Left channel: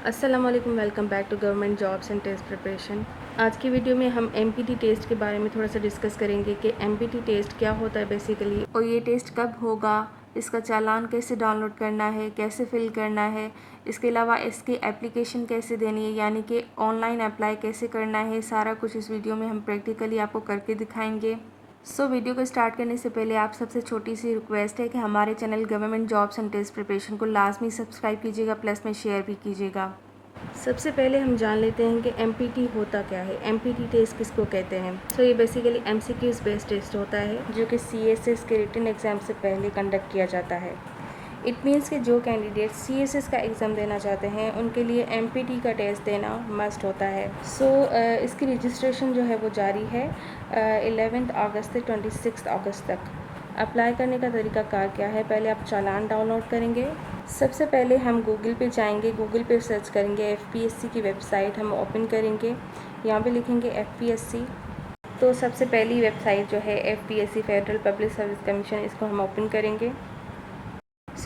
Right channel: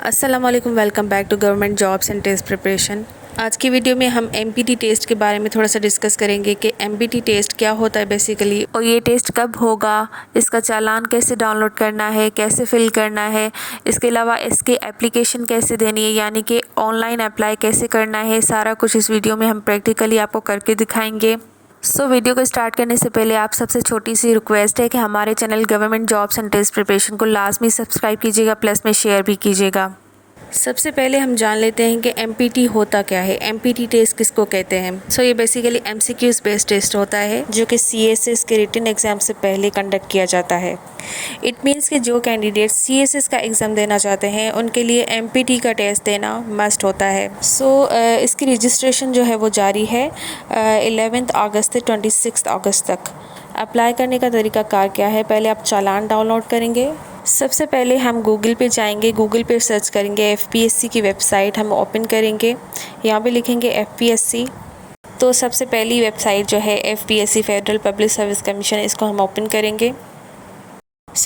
अस्सलाम वालेकुम, welcome back to government jobs and test preparation. आज की वीडियो में हम एमपीटी टेस्ट के बारे में थोड़ा सा डिस्कस करेंगे कि एमपीटी टेस्ट क्या होता है बेसिकली, और ये टेस्ट कब होगा, इसका चालान कैसे डाउनलोड करना है, कैसे फिल करना है, इसके अलावा इसकी एप्लीकेशन कैसे देनी है, यानी कि ऑनलाइन अप्लाई कैसे करना है। सारा कुछ इस वीडियो में हम प्रैक्टिकली आपको करके दिखाएंगे। वीडियो को स्टार्ट करने से पहले आप सबसे छोटी सी रिक्वेस्ट है कि हमारे channel government jobs and test preparation को लाजमी सब्सक्राइब कीजिएगा, प्लस में शेयर भी कीजिएगा। सबसे पहले हम जान लेते हैं कि एमपीटी होता क्या है, एमपीटी टेस्ट किसको कहते हैं। ये बेसिकली एमसीक्यूज़ बेस्ड टेस्ट होता है जो कि सीएसएस के रिटन एग्ज़ाम से पहले कंडक्ट किया जाता है। इट मीन्स कि जो कैंडिडेट सीएसएस का एग्ज़ाम देना चाहते हैं उनके लिए एमपीटी का टेस्ट देना मस्ट होता है। इसकी रजिस्ट्रेशन जो है वो जारी है 11 अगस्त से 26 अगस्त तक। अप्लाई करने का तरीकाकार क्या है, पहले आप चालान डाउनलोड करेंगे। सबसे पहले हम गूगल पे जाएंगे, गूगल पे सर्च करेंगे एफपीएससी की वेबसाइट हम ओपन करेंगे। यहाँ पे लिखेंगे एफपीएससी। तो सबसे पहली वेबसाइट जो है FPSC federal public service commission, इसको हम ओपन करेंगे।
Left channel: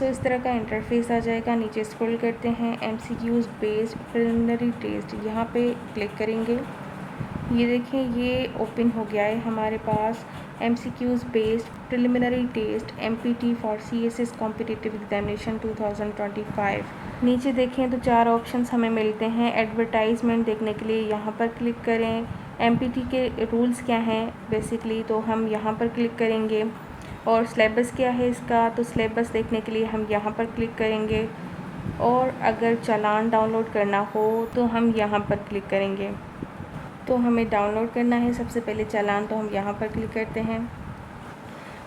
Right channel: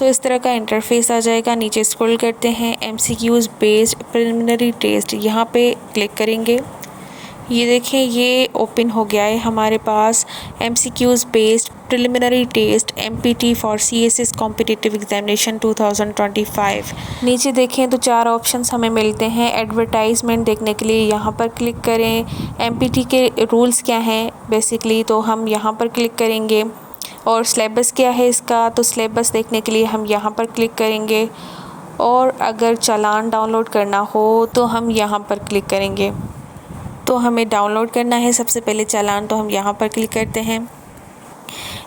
इस तरह का इंटरफेस आ जाएगा। नीचे स्क्रॉल करते हैं, एमसीक्यूज़ बेस्ड प्रिलिमिनरी टेस्ट, यहाँ पे क्लिक करेंगे। ये देखें, ये ओपन हो गया है हमारे पास MCQs based preliminary test MPT for CSS competitive examination 2025। नीचे देखें तो 4 ऑप्शंस हमें मिलते हैं। एडवर्टाइजमेंट देखने के लिए यहाँ पर क्लिक करें। एमपीटी के रूल्स क्या हैं बेसिकली, तो हम यहाँ पर क्लिक करेंगे। और सिलेबस क्या है इसका, तो सिलेबस देखने के लिए हम यहाँ पर क्लिक करेंगे। और अगर चालान डाउनलोड करना हो तो हम यहाँ पर क्लिक करेंगे। तो हमें डाउनलोड करना है सबसे पहले चालान, तो हम यहाँ पर क्लिक करते हैं।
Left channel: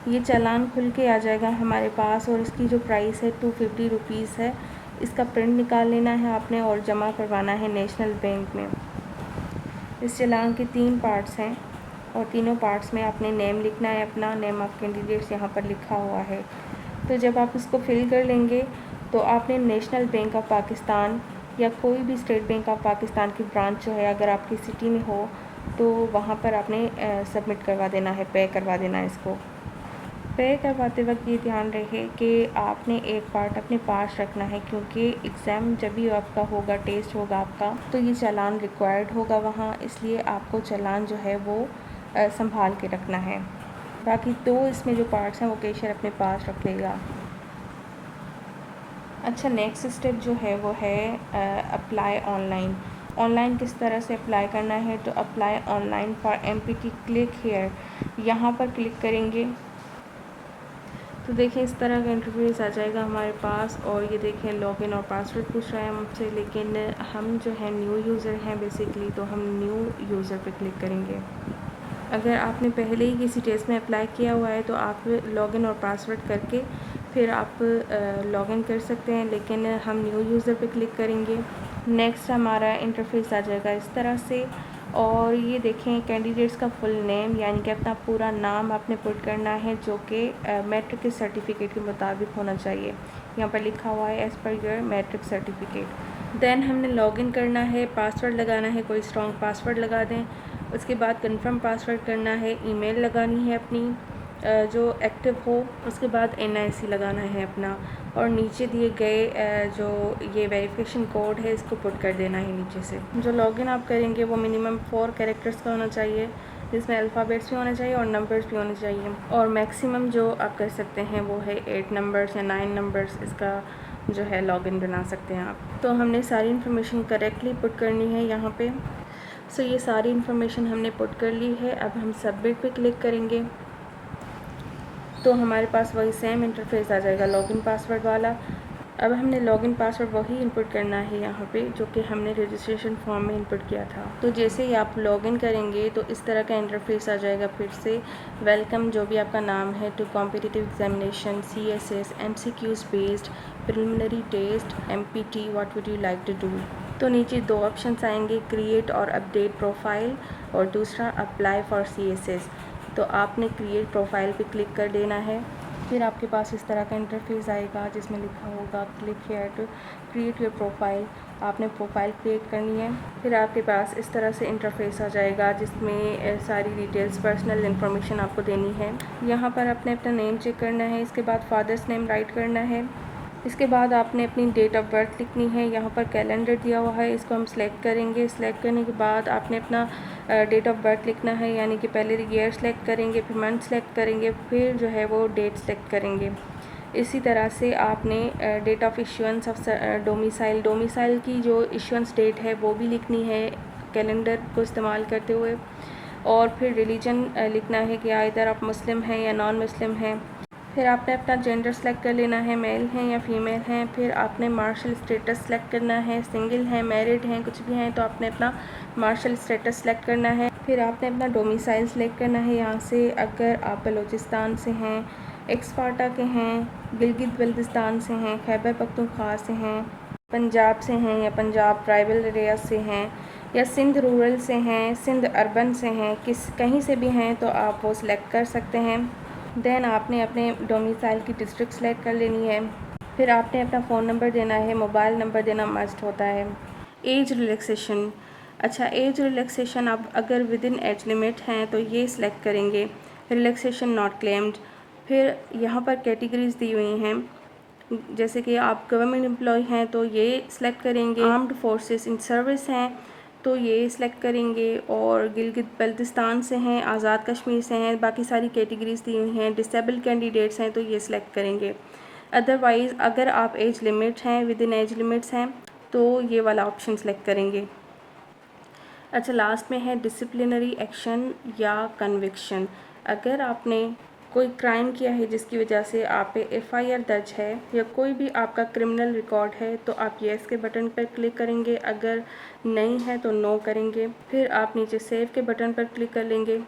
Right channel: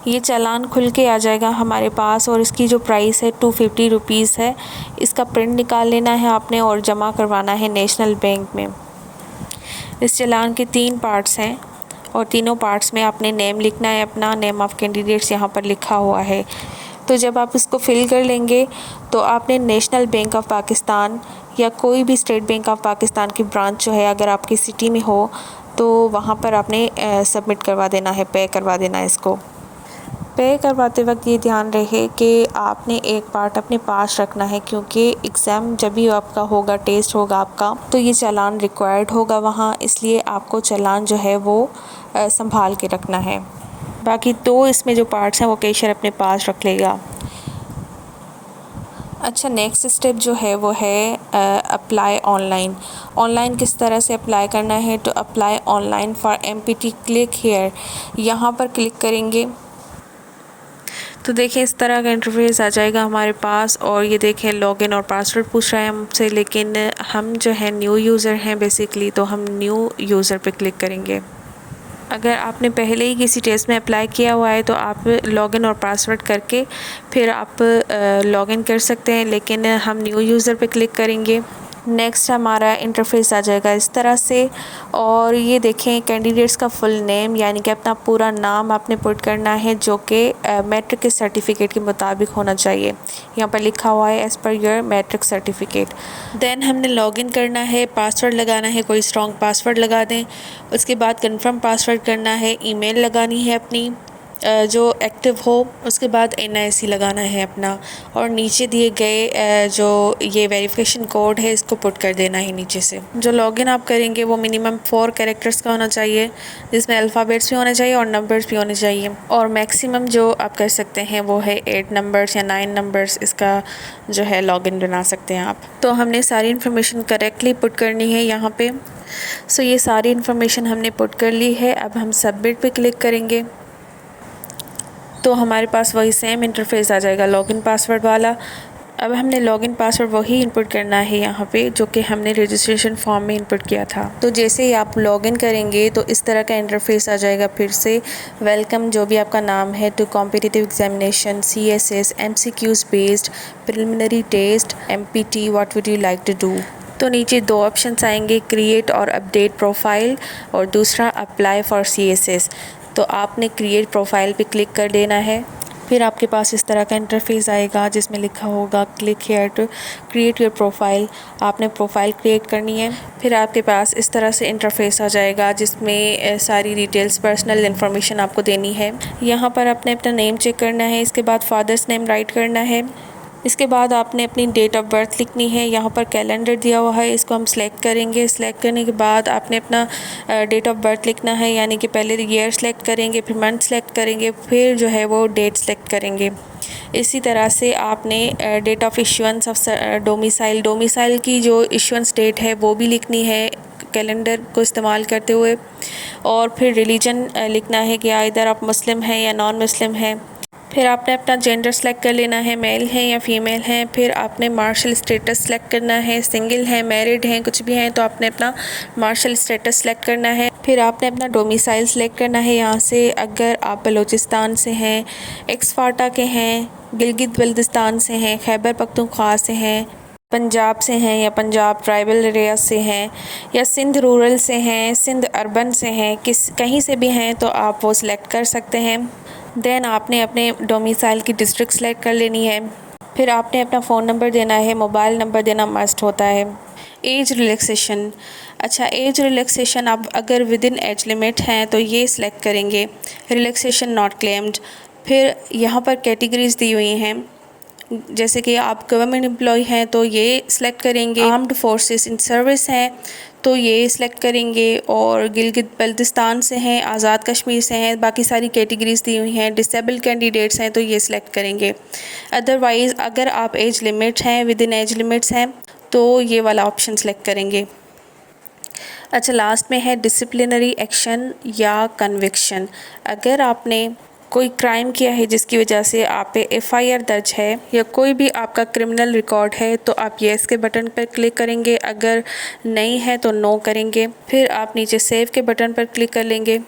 ये चालान खुल के आ जाएगा हमारे पास और इसकी जो प्राइस है 250 रुपीज़ है। इसका प्रिंट निकाल लेना है आपने और जमा करवाना है नेशनल बैंक में। इस चालान के 3 पार्ट्स हैं और तीनों पार्ट्स में आपने नेम लिखना है, अपना नेम ऑफ़ कैंडिडेट्स यहाँ पर लिखा हुआ है। तो जब आप इसको फिल कर लेंगे तो आपने नेशनल बैंक ऑफ़ पाकिस्तान या कोई भी स्टेट बैंक ऑफ़ पाकिस्तान की ब्रांच जो है अगर आपकी सिटी में हो तो वहाँ पर आपने सबमिट करवा देना है, पे करवा देना है। इसको पे करवाते वक्त ये ध्यान रहे कि आपने एक पार्ट अपने पास रखना है, क्योंकि एग्ज़ाम जब भी आपका होगा, टेस्ट होगा आपका, तो ये चालान रिक्वायर्ड होगा वहाँ, इसलिए आपको चालान जो है वो संभाल के रखना है। बाकी तो इसमें जो पार्ट्स हैं वो कैशियर अपने पास रख लेगा। अच्छा, नेक्स्ट स्टेप जो है वो है अप्लाई ऑनलाइन। ऑनलाइन किस तरह से अप्लाई करना है, तो apply online for empty, click here, यहाँ पर क्लिक करेंगे। तो देखिए इस तरह का इंटरफेस आ जाएगा हमारे पास। और ये देखें लॉगिन और पासवर्ड पूछ रहा है हमसे, लेकिन हम जो है न्यू यूज़र हैं बेसिकली, तो हम न्यू यूज़र पे क्लिक करेंगे। अगर आपने पहले ही किसी टेस्ट में अप्लाई किया हुआ है तो आप लॉगिन और पासवर्ड करके फिर आप लॉगिन कर सकते हैं, लेकिन हम न्यू यूज़र पे क्लिक करेंगे। नेक्स्ट हमारा इंटरफेस आ जाएगा इस तरह से। और ये देखें कैंडिडेट्स का फुल नेम, यानी कि अपना पूरा नाम आपने पुट करना है जो कि मैट्रिक के सर्टिफिकेट के मुताबिक होना चाहिए। यहाँ पर लिखा हुआ है as per your matric certificate. Then हमने लॉगिन करना है, पासवर्ड लगाना है, कोई स्ट्रॉन्ग पासवर्ड लगा दें। उसके बाद कंफर्म पासवर्ड करना है, ईमेल लगानी है अपनी जो एक्टिव हो, उसके बाद NIC लगाना है अपना, और नीचे दिए गए जो ये वेरिफिकेशन कोड है इसको पुट कर देना है नीचे से। जो लॉगिन आप करेंगे वो मिनिमम 4 कैरेक्टर्स का होना चाहिए, जिसमें अल्फ़ाबेट्स भी होने चाहिए और नंबर्स भी होने चाहिए। और मैक्सिमम जो आप कर सकते हैं वो है 8 नंबर्स या 9 नंबर्स, इसका जो है लॉगिन बना सकते हैं आप। तो हमने सारी इन्फॉर्मेशन करेक्टली पुट करनी है यहाँ पे। ये सारी इन्फॉर्मेशन हमने पुट कर ली है। अब हम सबमिट पे क्लिक करेंगे तो हमारे पास वही सेम इंटरफेस आ जाएगा लॉगिन पासवर्ड वाला। अब हमने लॉगिन पासवर्ड वही इनपुट करना है यहाँ पे जो कि हमने रजिस्ट्रेशन फॉर्म में इनपुट किया था। तो जैसे ही आप लॉगिन करेंगे तो इस तरह का इंटरफेस आ जाएगा फिर से। वेलकम, जो भी आपका नाम है, to competitive examination CSS MCQs based preliminary test MPT, what would you like to do. तो नीचे 2 ऑप्शंस आएंगे, क्रिएट और अपडेट प्रोफाइल, और दूसरा अप्लाई फॉर CSS। तो आपने क्रिएट प्रोफाइल पे क्लिक कर देना है। फिर आपके पास इस तरह का इंटरफेस आएगा जिसमें लिखा होगा click here to create your profile. आपने प्रोफाइल क्रिएट करनी है। फिर आपके पास इस तरह से इंटरफेस आ जाएगा जिसमें सारी डिटेल्स, पर्सनल इन्फॉर्मेशन आपको देनी है। यहाँ पर आपने अपना नेम चेक करना है, इसके बाद फादर्स नेम राइट करना है, इसके बाद आपने अपनी डेट ऑफ़ बर्थ लिखनी है। यहाँ पर कैलेंडर दिया हुआ है, इसको हम सेलेक्ट करेंगे। सेलेक्ट करने के बाद आपने अपना डेट ऑफ़ बर्थ लिखना है, यानी कि पहले ईयर सेलेक्ट करेंगे, फिर मंथ सेलेक्ट करेंगे, फिर जो है वो डेट सेलेक्ट करेंगे। इसी तरह से आपने date of issuance of domicile की जो इशुएंस डेट है वो भी लिखनी है कैलेंडर को इस्तेमाल करते हुए। और फिर रिलीजन लिखना है कि इधर आप मुस्लिम हैं या नॉन मुस्लिम हैं। फिर आपने अपना जेंडर सेलेक्ट कर लेना है, मेल हैं या फीमेल हैं। फिर आपने मार्शल स्टेटस सेलेक्ट करना है, सिंगल हैं, मैरिड हैं, कुछ भी हैं तो आपने अपना मार्शल स्टेटस सेलेक्ट करना है। फिर आपने अपना डोमिसाइल सेलेक्ट करना है। यहाँ से अगर आप बलूचिस्तान से हैं, एक्सफाटा के हैं, गिलगित बल्तिस्तान से हैं, खैबर पख्तूनख्वा से हैं, पंजाब से हैं या पंजाब ट्राइबल एरिया से हैं, या सिंध रूरल से हैं, सिंध अर्बन से हैं, कहीं से भी हैं तो आप वो सिलेक्ट कर सकते हैं। देन आपने अपने डोमिसाइल की डिस्ट्रिक्ट सेलेक्ट कर लेनी है। फिर आपने अपना फ़ोन नंबर देना है, मोबाइल नंबर देना मस्ट होता है। एज रिलैक्सेशन, अच्छा एज रिलैक्सेशन आप अगर विद इन एज लिमिट हैं तो ये सिलेक्ट करेंगे, रिलैक्सेशन नॉट क्लेम्ड। फिर यहाँ पर कैटेगरीज़ दी हुई हैं, जैसे कि आप गवर्नमेंट एम्प्लॉय हैं तो ये सिलेक्ट करेंगे, आर्म्ड फोर्सेस इन सर्विस हैं तो ये सिलेक्ट करेंगे, और गिलगित बल्तिस्तान से हैं, आज़ाद कश्मीर से हैं, बाकी सारी कैटेगरीज़ दी हुई हैं, डिसेबल कैंडिडेट्स हैं तो ये सिलेक्ट करेंगे। अदरवाइज़ अगर आप एज लिमिट हैं, विद इन एज लिमिट्स हैं तो ये वाला ऑप्शन सेलेक्ट करेंगे। अच्छा लास्ट में है डिसिप्लिनरी एक्शन या कन्विक्शन। अगर आपने कोई क्राइम किया है जिसकी वजह से आप पे एफआईआर दर्ज है या कोई भी आपका क्रिमिनल रिकॉर्ड है तो आप येस के बटन पर क्लिक करेंगे, अगर नहीं है तो नो करेंगे। फिर आप नीचे सेव के बटन पर क्लिक कर लेंगे।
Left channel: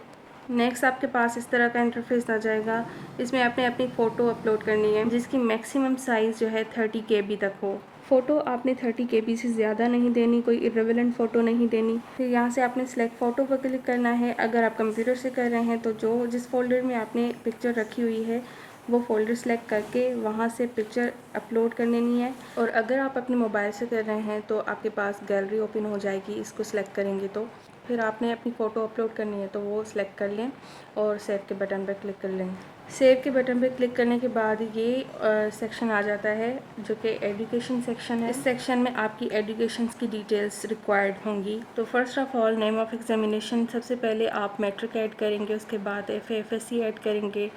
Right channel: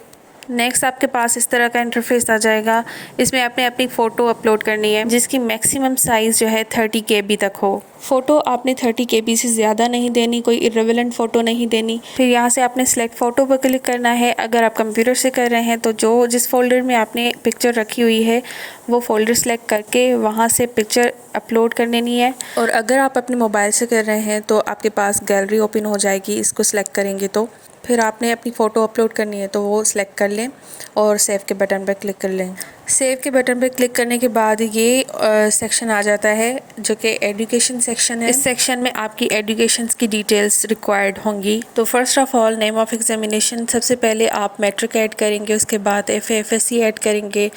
नेक्स्ट आपके पास इस तरह का इंटरफेस आ जाएगा। इसमें आपने अपनी फ़ोटो अपलोड करनी है जिसकी मैक्सिमम साइज़ जो है 30 KB तक हो। फ़ोटो आपने 30 KB से ज़्यादा नहीं देनी, कोई इर्रेलेवेंट फ़ोटो नहीं देनी। फिर यहाँ से आपने सेलेक्ट फ़ोटो पर क्लिक करना है। अगर आप कंप्यूटर से कर रहे हैं तो जिस फोल्डर में आपने पिक्चर रखी हुई है वो फ़ोल्डर सेलेक्ट करके वहाँ से पिक्चर अपलोड कर लेनी है। और अगर आप अपने मोबाइल से कर रहे हैं तो आपके पास गैलरी ओपन हो जाएगी, इसको सेलेक्ट करेंगे तो फिर आपने अपनी फ़ोटो अपलोड करनी है तो वो सिलेक्ट कर लें और सेव के बटन पर क्लिक कर लें। सेव के बटन पर क्लिक करने के बाद ये सेक्शन आ जाता है जो कि एजुकेशन सेक्शन है। इस सेक्शन में आपकी एजुकेशन की डिटेल्स रिक्वायर्ड होंगी। तो first of all name of examination, सबसे पहले आप मैट्रिक ऐड करेंगे, उसके बाद FA/FSC ऐड करेंगे।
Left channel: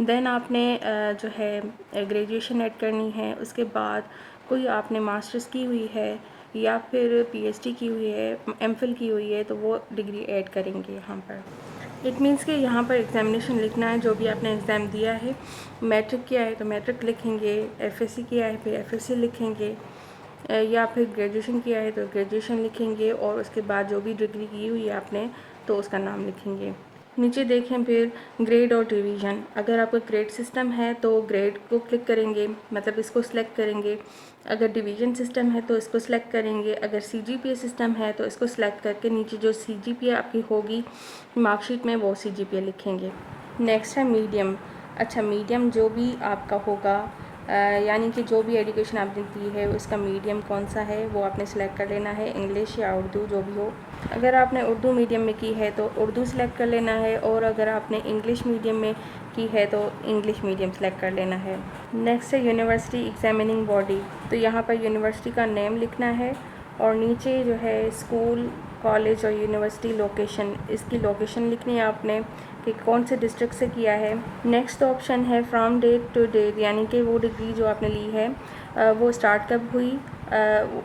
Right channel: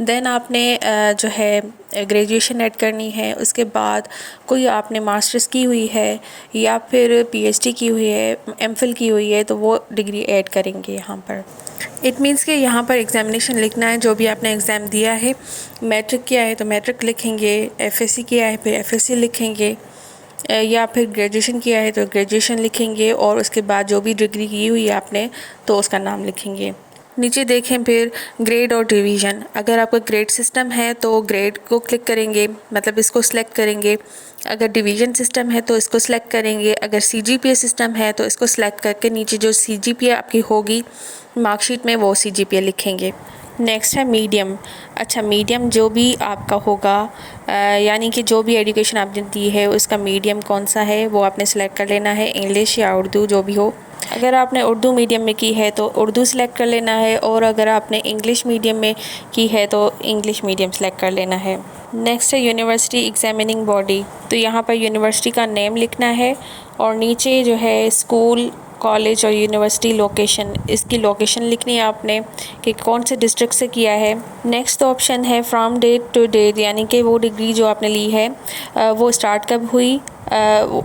देन आपने जो है ग्रेजुएशन ऐड करनी है। उसके बाद कोई आपने मास्टर्स की हुई है या फिर PhD की हुई है, MPhil की हुई है तो वो डिग्री ऐड करेंगे यहाँ पर। इट मीन्स कि यहाँ पर एग्ज़ामिनेशन लिखना है जो भी आपने एग्ज़ाम दिया है। मैट्रिक किया है तो मैट्रिक लिखेंगे, FSC किया है फिर FSC लिखेंगे, या फिर ग्रेजुएशन किया है तो ग्रेजुएशन लिखेंगे, और उसके बाद जो भी डिग्री की हुई है आपने तो उसका नाम लिखेंगे। नीचे देखें फिर ग्रेड और डिवीज़न। अगर आपका ग्रेड सिस्टम है तो ग्रेड को क्लिक करेंगे, मतलब इसको सिलेक्ट करेंगे। अगर डिवीज़न सिस्टम है तो इसको सिलेक्ट करेंगे। अगर CGPA सिस्टम है तो इसको सिलेक्ट करके नीचे जो CGPA आपकी होगी मार्कशीट में वो CGPA लिखेंगे। नेक्स्ट है मीडियम। अच्छा मीडियम जो भी आपका होगा, यानी कि जो भी एजुकेशन आपने दी है उसका मीडियम कौन सा है वो आपने सेलेक्ट कर लेना है, इंग्लिश या उर्दू जो भी हो। अगर आपने उर्दू मीडियम में की है तो उर्दू सेलेक्ट कर लेना है, और अगर आपने इंग्लिश मीडियम में की है तो इंग्लिश मीडियम सेलेक्ट कर लेना है। नेक्स्ट है यूनिवर्सिटी एग्जामिनिंग बॉडी। तो यहाँ पर यूनिवर्सिटी का नेम लिखना है और नीचे जो है स्कूल, कॉलेज और यूनिवर्सिटी लोकेशन, इसकी लोकेशन लिखनी है आपने कि कौन से डिस्ट्रिक्ट से किया है। नेक्स्ट ऑप्शन है फ्रॉम डेट टू डेट, यानी कि वो डिग्री जो आपने ली है वो स्टार्ट कब हुई,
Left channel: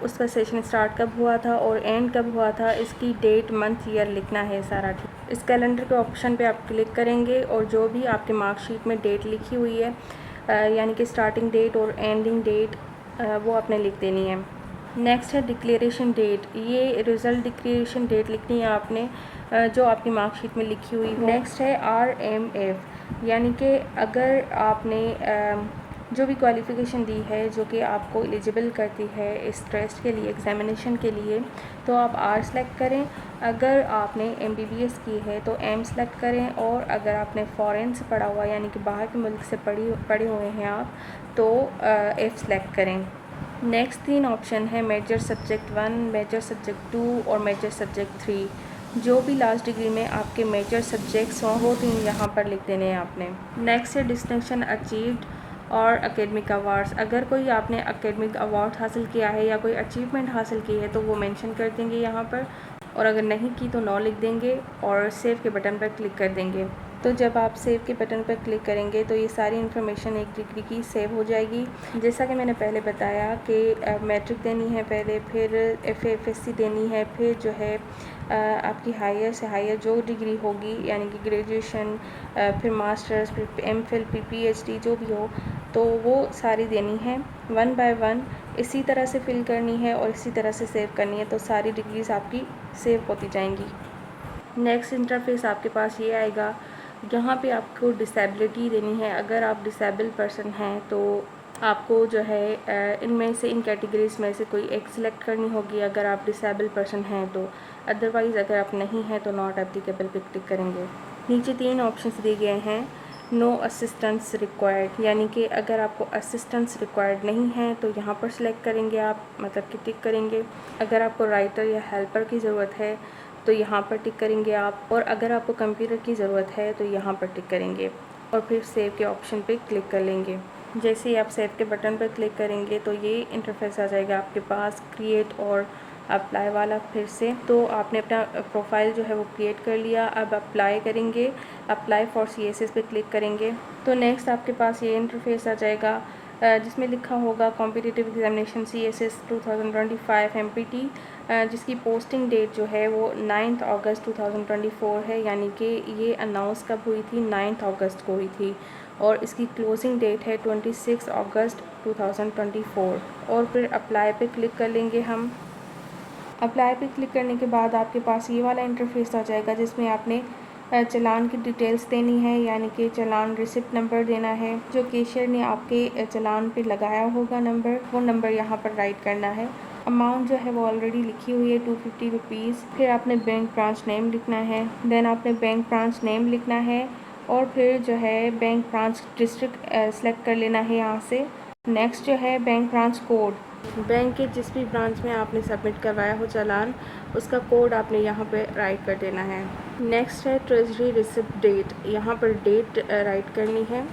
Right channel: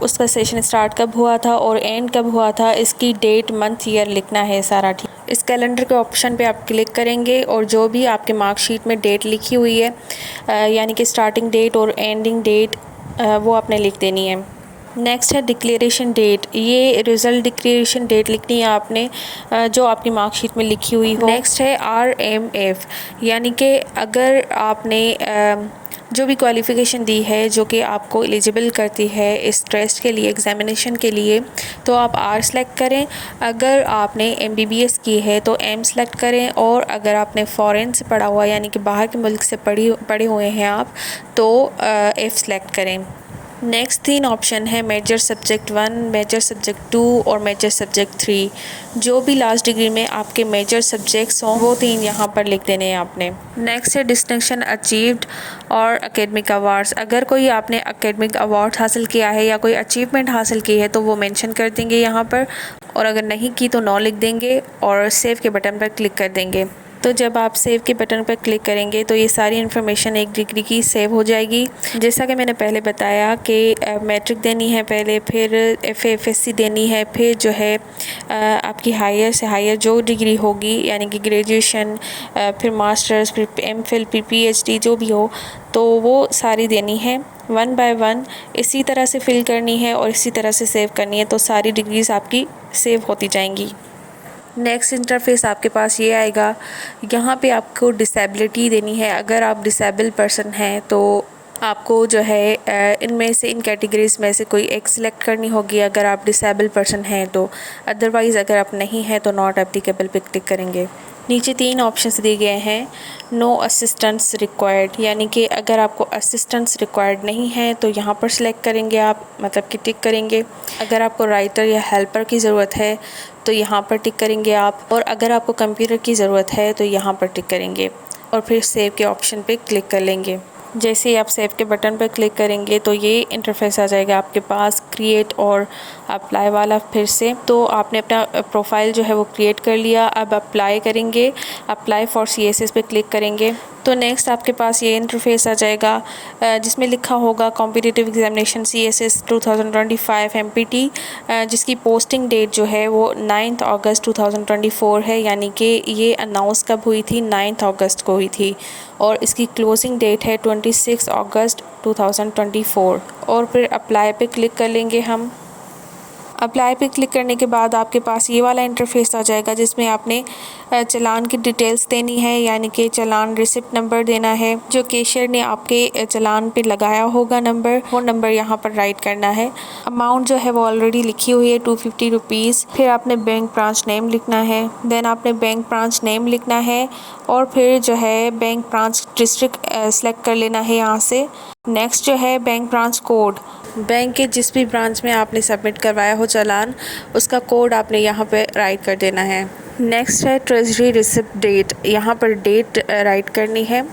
उसका सेशन स्टार्ट कब हुआ था और एंड कब हुआ था, इसकी डेट, मंथ, ईयर लिखना है सारा। ठीक, इस कैलेंडर के ऑप्शन पे आप क्लिक करेंगे और जो भी आपके मार्कशीट में डेट लिखी हुई है, यानी कि स्टार्टिंग डेट और एंडिंग डेट, वो आपने लिख देनी है। नेक्स्ट है डिक्लेरेशन डेट। ये रिज़ल्ट डिक्लेरेशन डेट लिखनी है आपने जो आपकी मार्कशीट में लिखी हुई हो। नेक्स्ट है RMF, यानी कि अगर आपने जो भी क्वालिफ़िकेशन दी है जो कि आपको एलिजिबल करती है इस टेस्ट के लिए, एग्ज़ामिनेशन के लिए, तो आप R सेलेक्ट करें। अगर आपने MBBS की है तो M सेलेक्ट करें, और अगर आपने फ़ॉरेन से पढ़ा हुआ यानी कि बाहर के मुल्क से पढ़े हुए हैं आप तो F सेलेक्ट करें। नेक्स्ट 3 ऑप्शन है मेजर सब्जेक्ट 1, मेजर सब्जेक्ट 2 और मेजर सब्जेक्ट 3। जो भी लास्ट डिग्री में आपके मेजर सब्जेक्ट्स हों वो 3 यहाँ पर लिख देने हैं आपने। नेक्स्ट है डिस्टिंक्शन अचीव्ड और एकेडमिक अवार्ड्स। अगर कोई आपने एकेडमिक अवार्ड हासिल किया है या कोई अचीवमेंट हासिल की है तो वो मेंशन कर देंगे यहाँ पर, और अगर नहीं की तो नो लिख देंगे और सेव के बटन पर क्लिक कर देंगे। तो जब आप सेव के बटन पर क्लिक करेंगे तो ये सारी इन्फॉर्मेशन 1 डिग्री की सेव हो जाएगी। जैसा कि मैंने पहले बताया कि मैट्रिक देनी है पहले, फिर FA/FSC देनी है, फिर जो है आपकी हायर से हायर जो डिग्री होगी यानी कि ग्रेजुएशन, फिर मास्टर्स, फिर MPhil, फिर PhD जो भी हो, तो वो सारी देनी है 1 बाय 1 इसी तरह से फिल करनी है और इसी तरह से सेव करनी है, तो सारी डिग्रीज़ आपकी सेव होती जाएंगी। नेक्स्ट इंटरफेस आपके पास ये आएगा। यहाँ पे आपको डिसेबिलिटी देनी है। अगर आप डिसेबल पर्सन हैं तो आपको जो है इनमें से इन कैटेगरीज़ में से कोई एक सिलेक्ट करनी होगी अगर आप डिसेबल पर्सन हैं तो। अदरवाइज़ अगर आप नहीं हैं तो नॉट एप्लीकेबल पे क्लिक करेंगे। नीचे 3 ऑप्शंस दिए गए हैं। नो असिस्टेंस रिक्वायर्ड, यानी कि अगर आपको असिस्टेंस रिक्वायर्ड नहीं है तो यहाँ पर सिलेक्ट करेंगे आप, मतलब कि टिक करेंगे। अगर आपको राइटर या हेल्पर की ज़रूरत है तो यहाँ पर टिक करेंगे आप, और अगर आपको कंप्यूटर की ज़रूरत है तो यहाँ पर टिक करेंगे और फिर सेव के ऑप्शन पे क्लिक कर लेंगे। जैसे ही आप सेव के बटन पर क्लिक करेंगे तो ये इंटरफेस आ जाएगा आपके पास क्रिएट और अप्लाई वाला। फिर से तो आपने अपना प्रोफाइल जो है वो क्रिएट कर लिया। अब अप्लाई करेंगे, अप्लाई फॉर CSS पे क्लिक करेंगे तो नेक्स्ट आपके पास ये इंटरफेस आ जाएगा जिसमें लिखा होगा कॉम्पिटिटिव एग्जामिनेशन CSS 2025 MPT, जिसकी पोस्टिंग डेट जो है वो 9 अगस्त 2024 है, यानी कि ये अनाउंस कब हुई थी, 9 अगस्त को हुई थी, और इसकी क्लोजिंग डेट है 26 अगस्त 2024। और फिर अप्लाई पे क्लिक कर लेंगे हम। अप्लाई पे क्लिक करने के बाद आपके पास ये वाला इंटरफेस आ जाएगा जिसमें आपने चालान की डिटेल्स देनी है, यानी कि चालान रिसिप्ट नंबर देना है जो कैशियर ने आपके चालान पे लगाया होगा नंबर, वो नंबर यहाँ पर राइट करना है। अमाउंट जो है वो ऑलरेडी लिखी हुई है 250 रुपीज़। फिर आपने बैंक ब्रांच नेम लिखना है, देन आपने बैंक ब्रांच नेम लिखना है और फिर जो है बैंक ब्रांच डिस्ट्रिक्ट सेलेक्ट कर लेना है यहाँ से। नेक्स्ट जो है बैंक ब्रांच कोड, बैंक के जिस भी ब्रांच में आपने सबमिट करवाया हो चालान उसका कोड आपने यहाँ पे राइट कर देना है। नेक्स्ट है ट्रेजरी रिसिप्ट डेट, यहाँ पर डेट राइट करनी है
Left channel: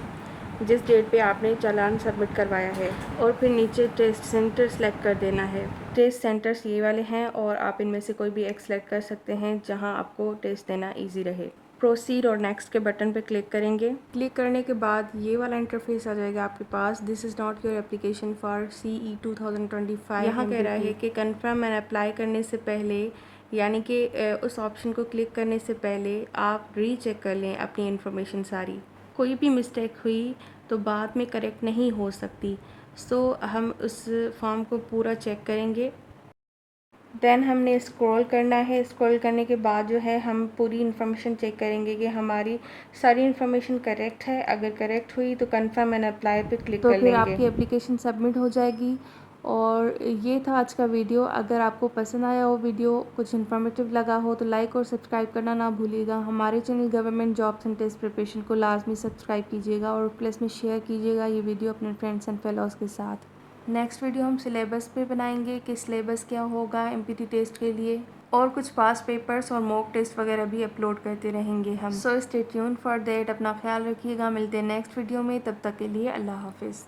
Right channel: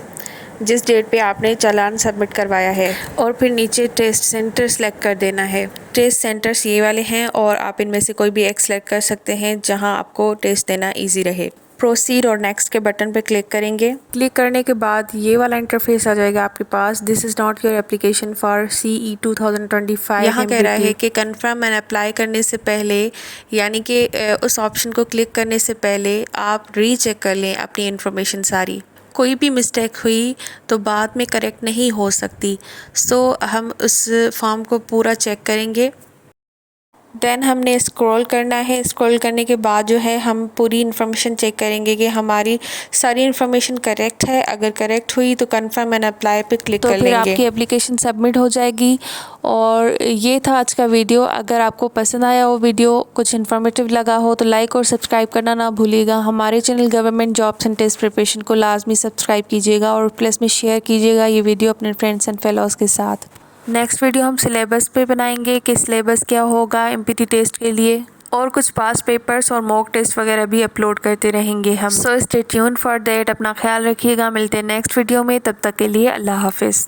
जिस डेट पे आपने चालान सबमिट करवाया है, और फिर नीचे टेस्ट सेंटर सेलेक्ट कर देना है। टेस्ट सेंटर्स ये वाले हैं और आप इनमें से कोई भी एक सेलेक्ट कर सकते हैं जहाँ आपको टेस्ट देना ईजी रहे। प्रोसीड और नेक्स्ट के बटन पर क्लिक करेंगे। क्लिक करने के बाद ये वाला इंटरफेस आ जाएगा आपके पास। This is not your application for CE 2025। यहाँ कह रहा है कि कन्फर्म एंड अप्लाई करने से पहले, यानी कि उस ऑप्शन को क्लिक करने से पहले आप रीचेक कर लें अपनी इन्फॉर्मेशन सारी। कोई भी मिस्टेक हुई तो बाद में करेक्ट नहीं हो सकती, सो हम उस फॉर्म को पूरा चेक करेंगे। देन हमने स्क्रॉल करना है। स्क्रॉल करने के बाद जो है हम पूरी इन्फॉर्मेशन चेक करेंगे कि हमारी सारी इन्फॉर्मेशन करेक्ट है। अगर करेक्ट हुई तो कंफर्म एंड अप्लाई पे क्लिक कर लेंगे। आपकी एप्लीकेशन सबमिट हो जाएगी। और ये था आज का वीडियो। अगर आपको पसंद आया हो वीडियो, कुछ इन्फॉर्मेटिव लगा हो तो लाइक और सब्सक्राइब करना ना भूलिएगा। हमारे channel government jobs and test preparation को लाजमी सब्सक्राइब कीजिएगा और प्लस में शेयर कीजिएगा ये वीडियो अपने फ्रेंड्स एंड फेलोज़ के साथ। नेक्स्ट वीडियो हम सिलेबस पे बनाएंगे कि सिलेबस क्या होगा MPT टेस्ट के लिए, और कुछ पास पेपर्स और मॉक टेस्ट वगैरह भी अपलोड करते रहेंगे हम। So stay tuned for that. अपना ख्याल रखिएगा। मिलते हैं नेक्स्ट वीडियो में, तब तक के लिए अल्लाह हाफिज़।